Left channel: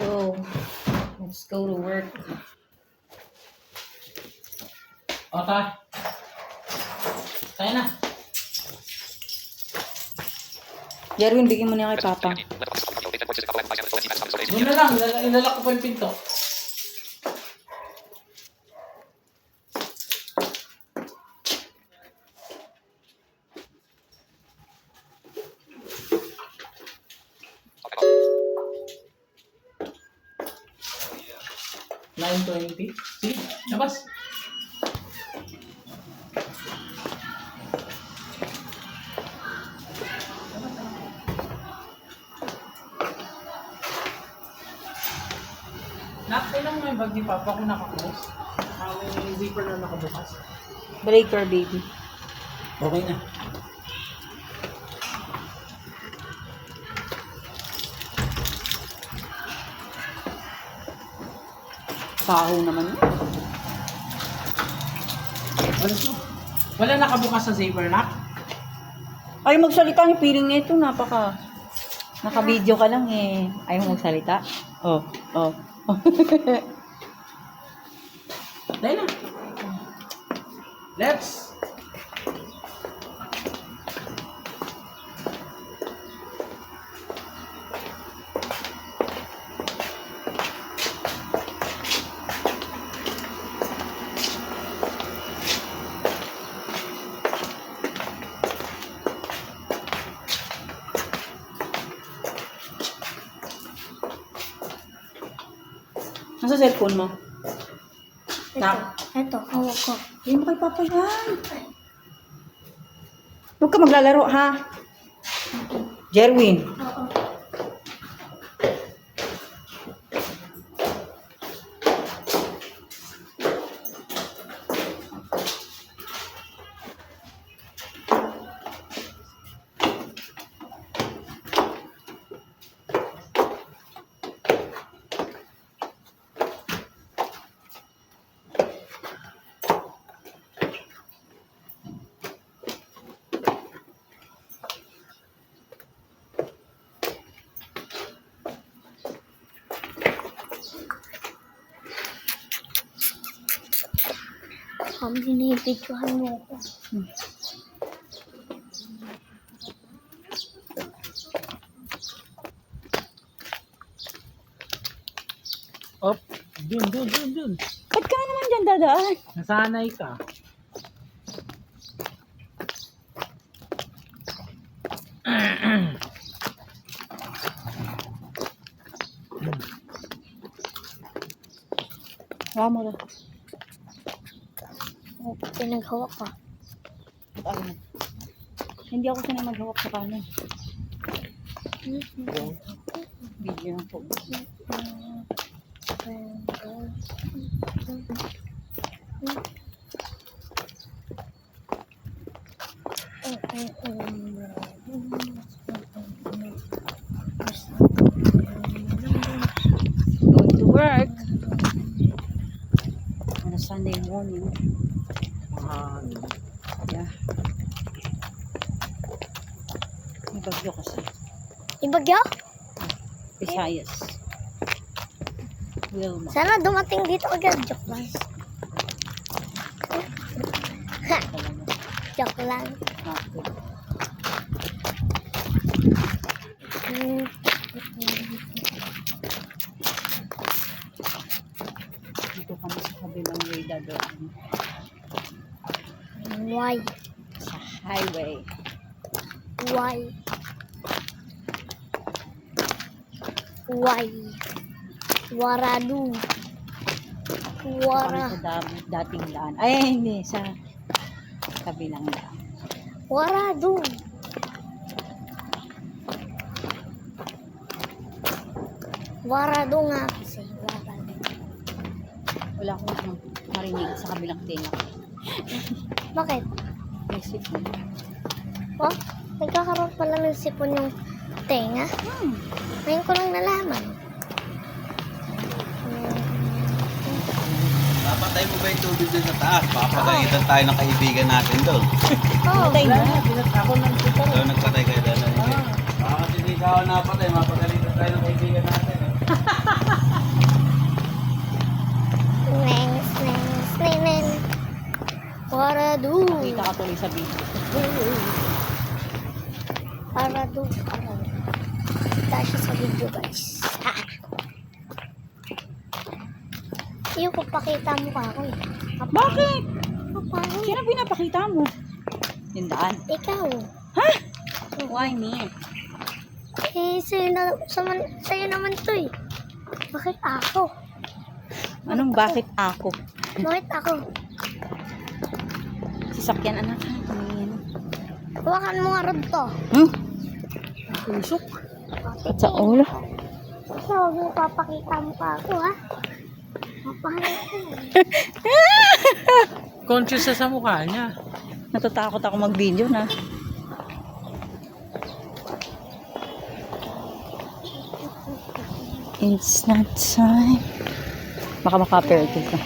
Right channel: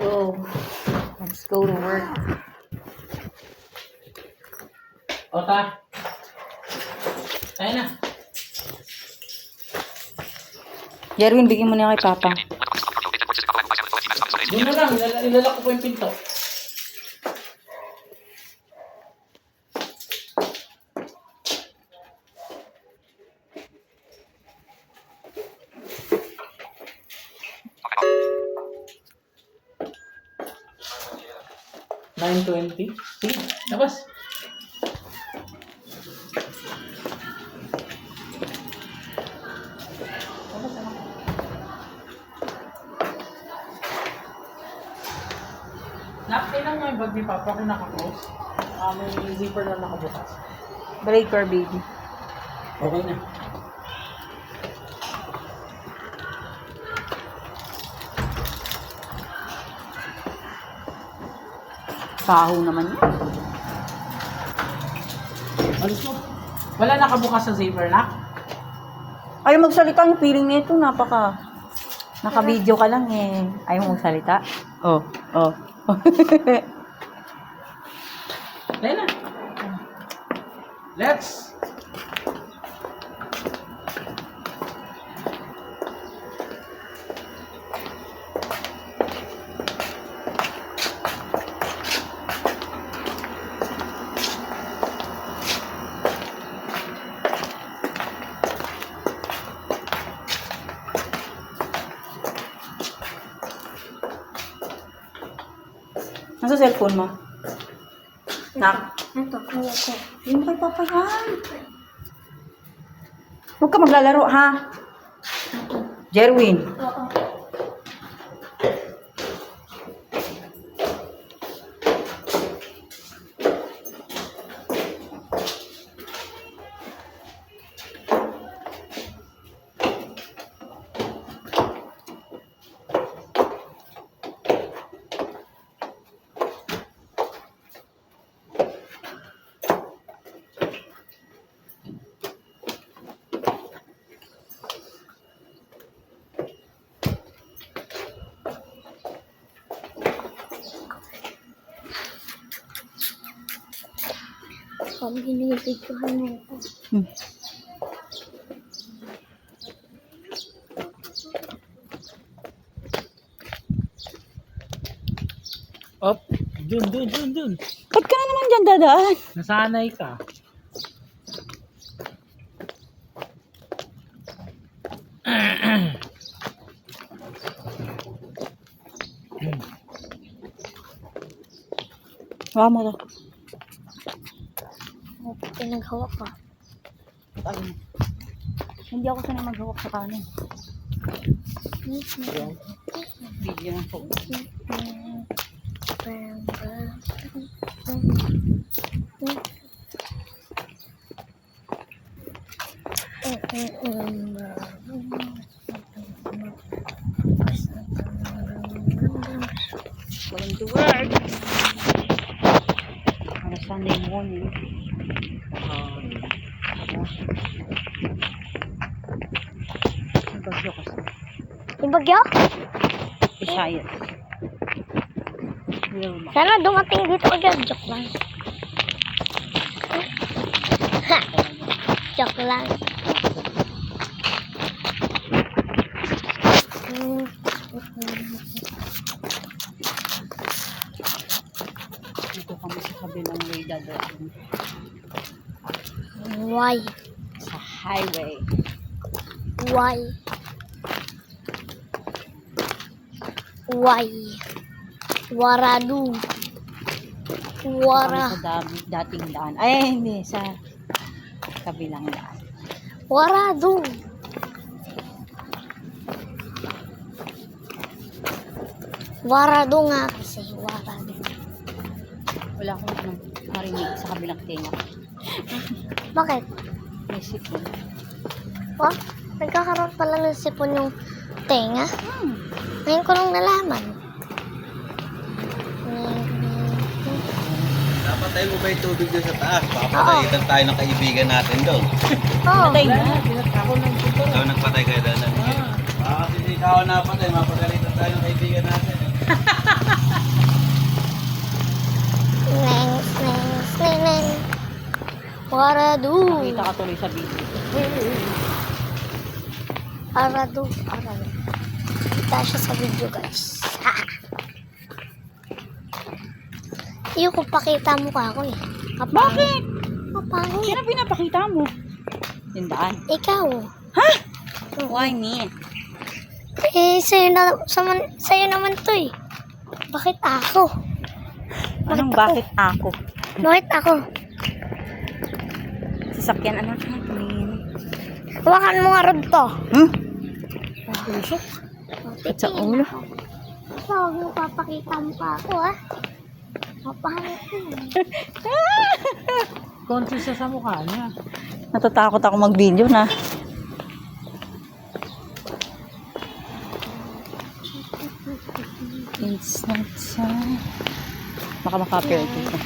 go. Let's go to work. Okay. Tayo na. Jerwin, bigyan mo na kay Papa. Yun na lang, ilalak ko pa yung pinto. $9.20. Sige, labas. Kailan mo yung bag ni Papa kung naka-close? May zipper na nakabukas. Breaker, baby. Okay na. Baho naman yun. Alas mo. Wala nakabukas sa zipper na? Ayaw magsalita yung feeling nito. Naka-video ka lang eh. Ayaw magsalita. Oh. Dahil na. Let's. Nasa cellphone mo? Nak? Ito, hawak ko. Hindi mo kay Papa yan. Huwag ka maglalaro, ha? Jerwin. Oo. Binibidyohan mo ako. Up. Dun. Ba't ka na naman dyan dadaan? Nasanay ka. Wala mo to. Pinaghawak ka. Ayaw mo. Hindi ako sanay maghawak sa kanan. Video ng phone. Go to work. On a Sunday morning. Yeah. May bagyo kasi. Yung bagyo? Visayas. Wilma. Sana dumating dito agad. Joke lang. Ha! Joke lang. Dito kami sa kabilang way dadaan. Why? Sa highway. Why? Why? Waradu. Kami sa dating daan. Ay, hindi. Sa kabilang daan. Waradu. Waradu nga kasi. Waradu. Wala akong marinig sa kabilang tenga. Bakit? May sipon. Oh, nagkakaroon pala ng sipon yung tenga. Ngayon ko lang nalaman. Napatay mo ba yung tubig doon sa taas? Baka patay tayo ng kaibigan natin doon. Oh, Patay na. Ako nang tutor. Ikaw nagpatay kayo doon. Baka kasi ikaw napatay, mapagalitan tayo ng kaibigan natin. sa video. Para doon. Kita siya sa video, guys. Iyo ko pakita mo ka ako eh. Bakit? Paano? Sino pinapakita mo? Yung daan. Ikaw. Why me? Sa'yo naman to eh. Bakit ako? Anong bakit ako? Bakit ako? Sasakyan anak ha? Tumingin. Hawakan mo nga rod to. Pusok. At sa ulo. Huwag mo papakita mo pa ako ha. Papahanap ko. Conscious siya sa mukha niya. Natatakot ako mag-video na. It's not time. Baka makapirate ito.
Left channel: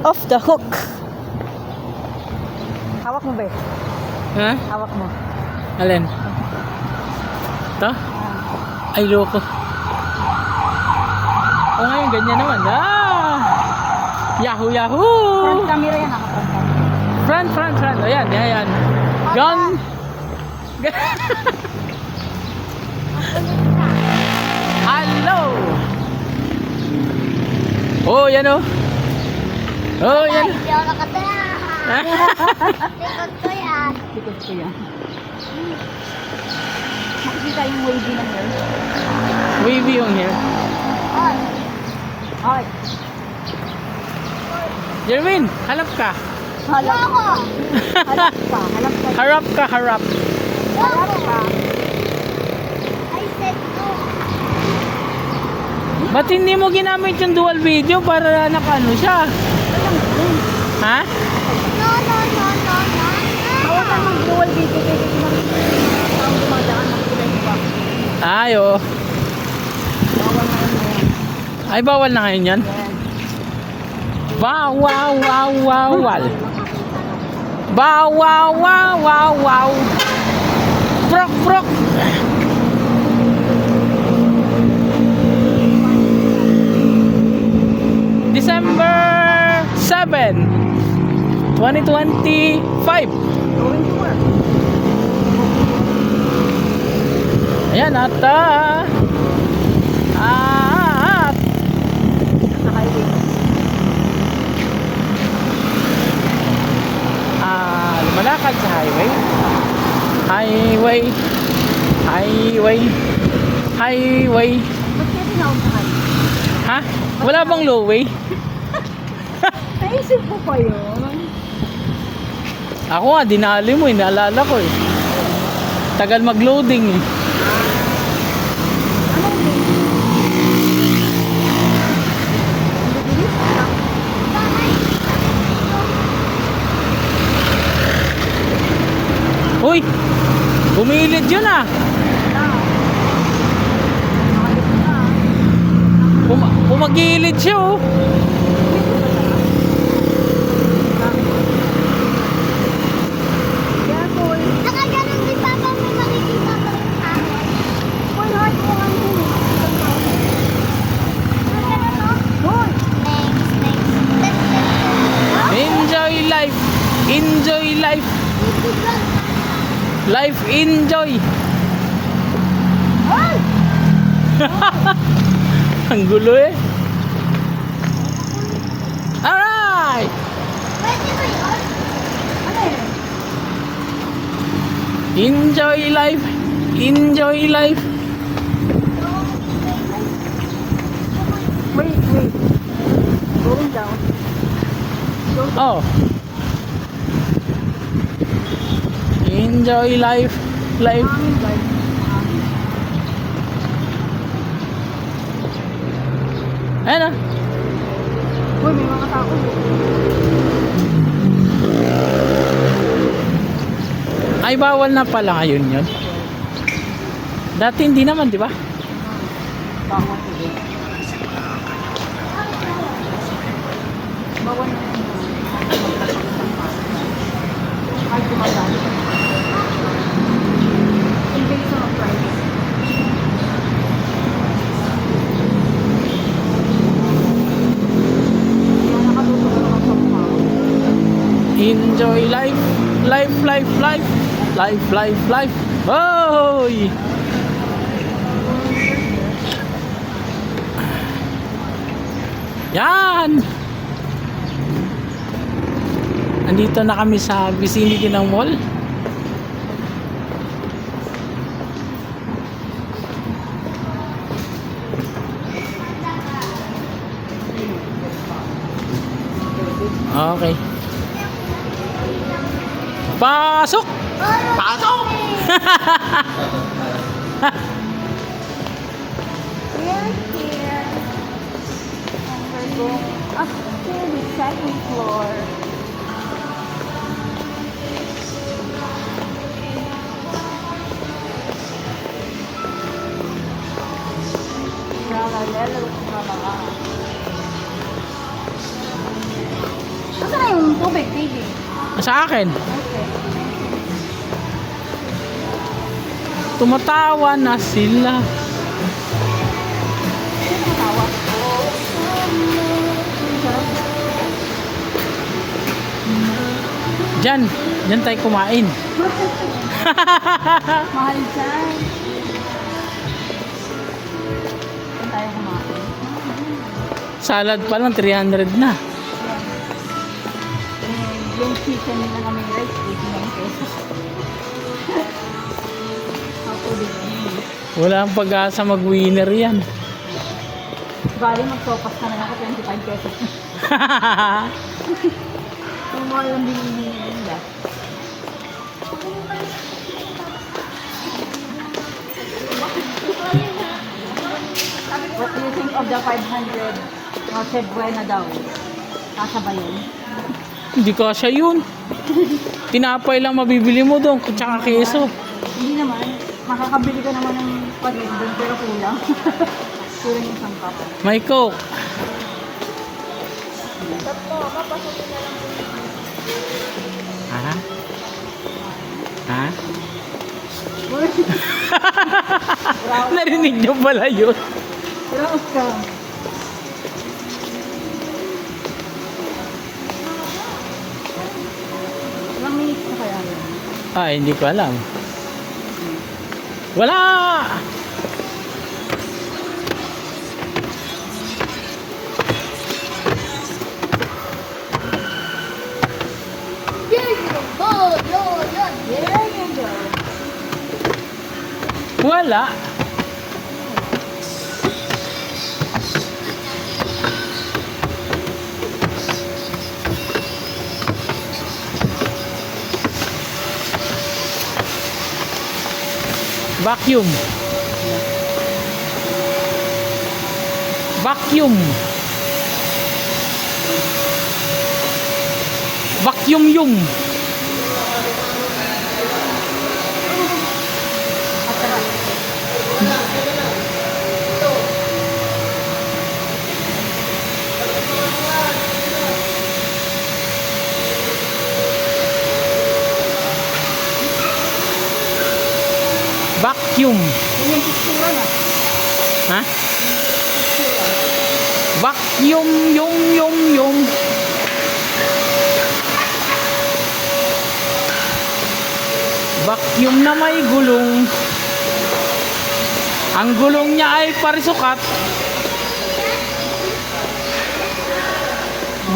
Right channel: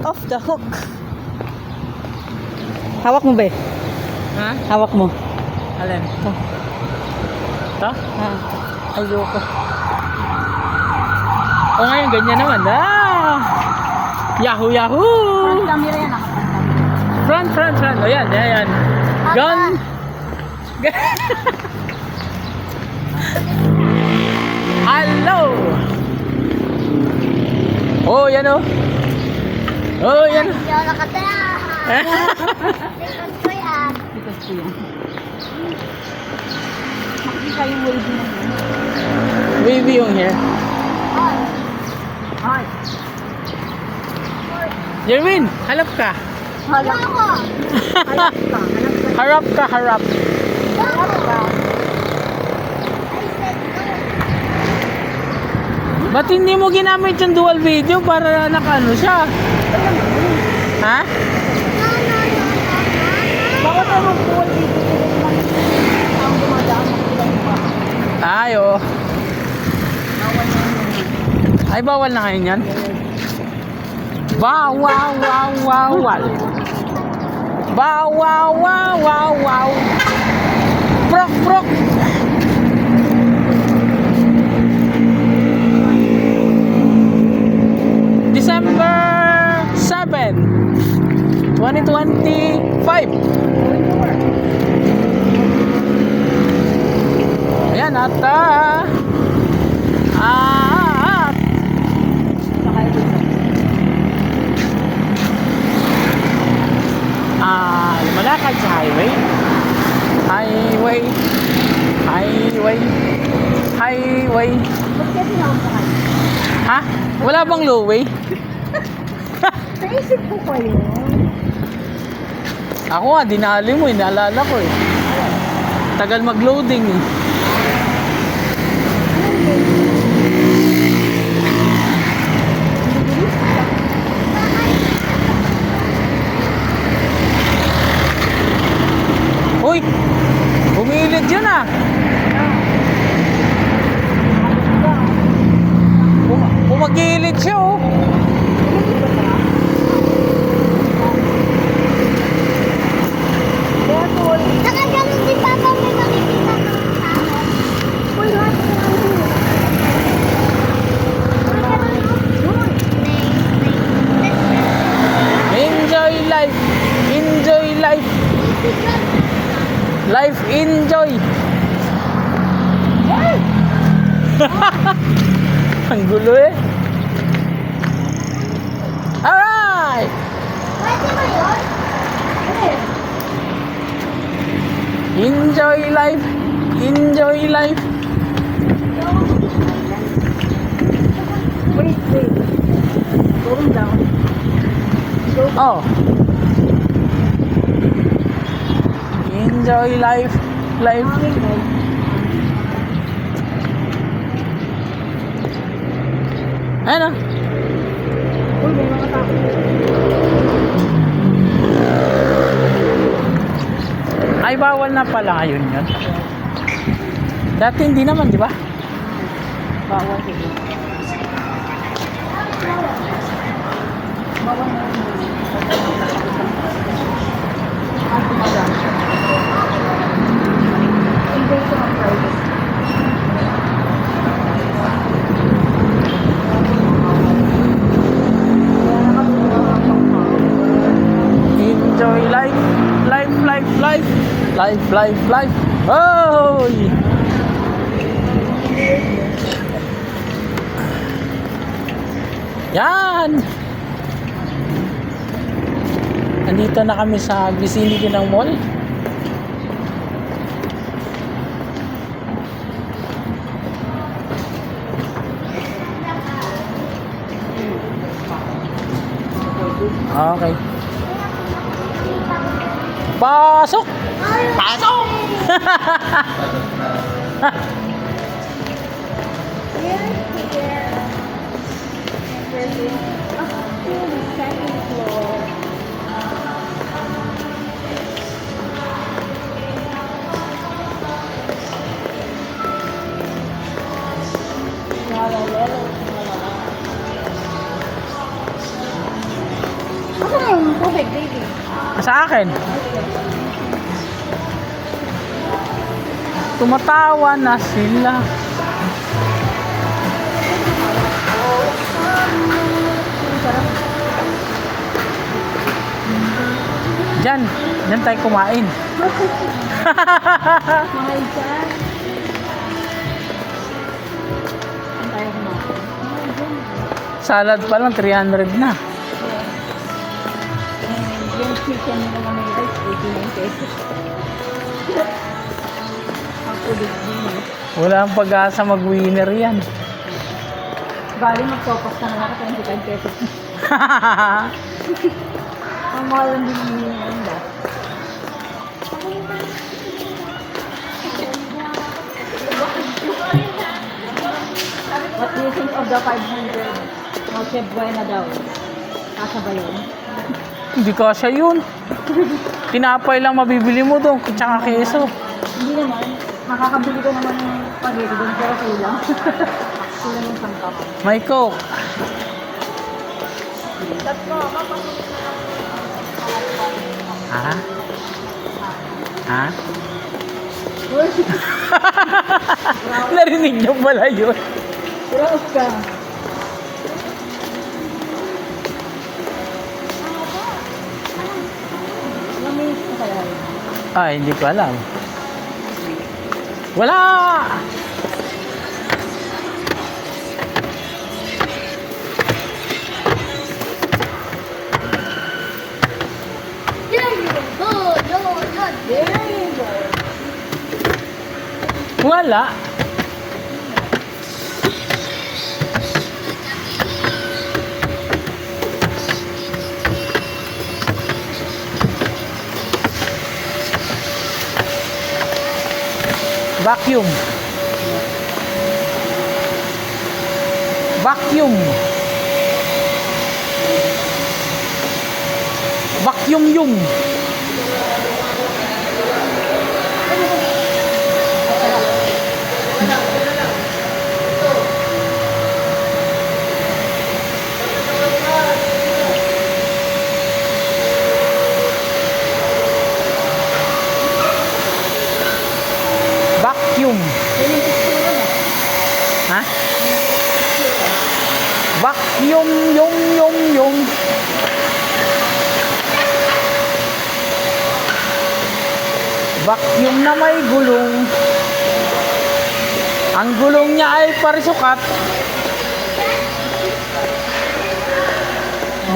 Off the hook. Hawak mo ba eh? Ha? Hawak mo. Alin? Ito. Ito? Ah. Ay, loko. O ngayon, ganyan naman. Yahoo, yahoo! Front camera yan, nakapag Front. Ayan. Gun. Hello! Oh, yan oh. Oh, yan. Hindi ako nakataya. Yan ko yan. Likod ko yan. Makikita yung wavy na hair. Wavy yung hair. Ay. Ay. Jerwin, halap ka. Halap Ako. Halap ka. Halap ka. Harap ka, harap. I said no. Ba't hindi mo ginamit yung dual video para nakano siya? Ha? No. Bawat tayo mag-dual video lang. Ang dumadaan ng sila yung bawat. Ay, oo. Bawal na yun. Ay, bawal na ngayon yan? Bawal. Bawal. Prok. December 7, 2025. Going to work. Ayan, at Sa highway. lumalakad sa highway. Ba't kaya tinawag sa highway? Ha? Wala bang low way? Naisip ko pa yun. Ako nga, dinali mo, inaalala ko eh. Tagal mag-loading eh. Uy! Bumilid yun ah! Bumagilid siya oh! Careful. Nakaganon din ba kung may makikita ng tao? Uy, hard ko ano eh. Enjoy life! Enjoy life! Life enjoy! Ang gulo eh! Alright! Enjoy life! Enjoy life! Wait. Going down. Oh! Enjoy life! Life! Ano? Uy, may mga tao. Ay, bawal na pala ngayon yun. Dati hindi naman, di ba? Bawal siguro. Bawal na. Fly, fly, fly. Hoy! Yan! Andito na kami sa vicinity ng mall. Okay. Pasok! Pasok! Asa na yung tubig, baby? Sa akin. Tumatawa na sila. Diyan tayo kumain. Mahal dyan. Salad pa lang 300 na. Yung chicken nila namin guys, 89 pesos. Wala ang pag-asa mag-winner yan. Galing mag-focus na naman ako 25 pesos. Ang mahal lang din yung hinihinda. What do you think of the 500? Ang Buena daw. Kasa ba yun? Hindi kasya yun. Tinapay lang mabibili mo doon, tsaka keso. Hindi naman. Makakabili ka naman ng pagod doon, pero kulang. Kulang yung 10. May coke. Ha? Ha? Narinig niyo pala yun. Kurang ka. Ilang minutes na tayo yun? Hindi ko alam. Wala! Wala. Vacuum. Vacuum. Vacuum yung. Vacuum. Ha? Vacuum yung. Vacuum na may gulong. Ang gulong niya ay parisukat.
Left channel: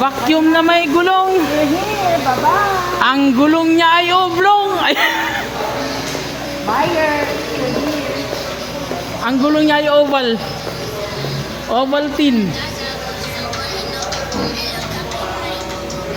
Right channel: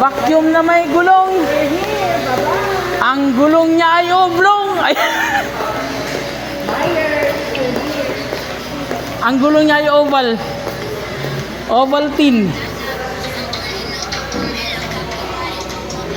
Vacuum na may gulong. Ang gulong niya ay oblong. Ang gulong niya ay oval. Ovaltine.